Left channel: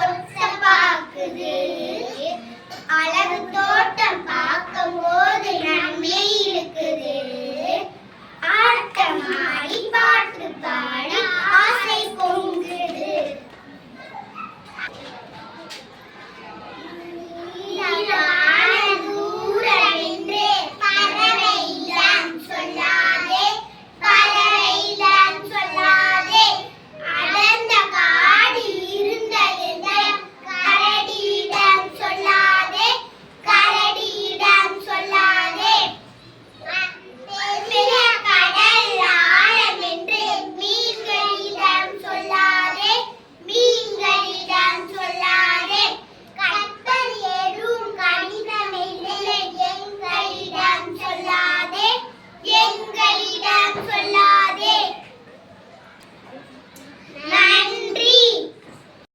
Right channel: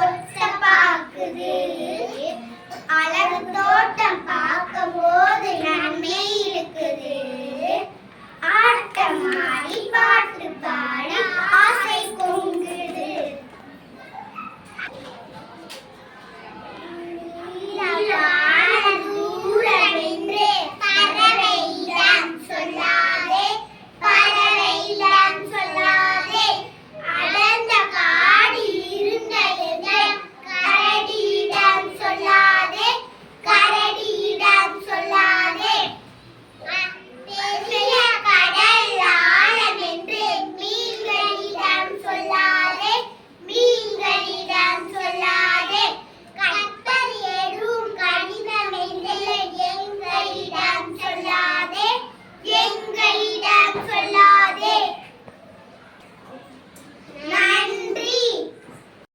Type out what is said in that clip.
பொருத்த பார்க்குது அழகு